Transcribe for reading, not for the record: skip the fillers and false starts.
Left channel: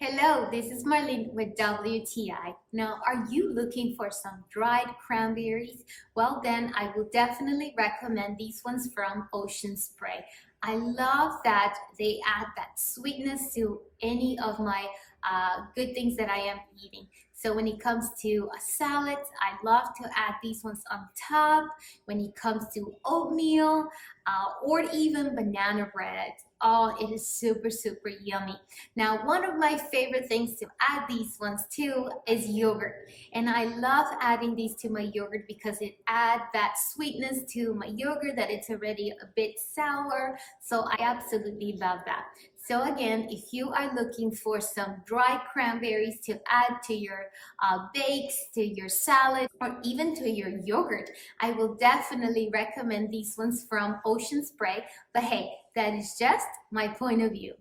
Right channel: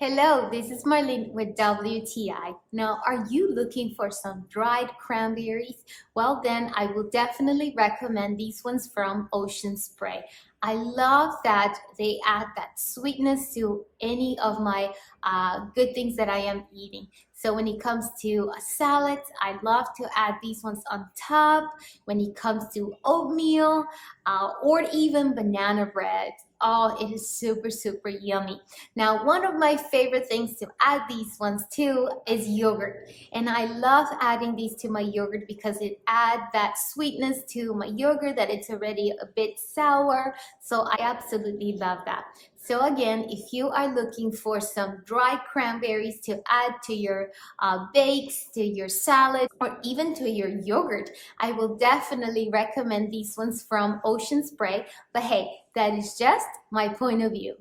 Hello, this is Marlene with WTI. Now, are you looking for some dried cranberries? Well, then I will definitely recommend these ones from Ocean Spray. I love that they add that sweetness to any of my good things that I am eating. So when it comes to salads, I love to add these ones on top. When it comes to oatmeal or even banana bread, oh, it is super, super yummy. Now, one of my favorite things to add these ones to is yogurt. And I love adding these to my yogurt because it adds that sweetness to my yogurt that it's already a bit sour. So I absolutely love that. So again, if you are looking for some dried cranberries to add to your bakes, to your salad, or even to your yogurt, I will definitely recommend these ones from Ocean Spray. But hey, that is just my point of view.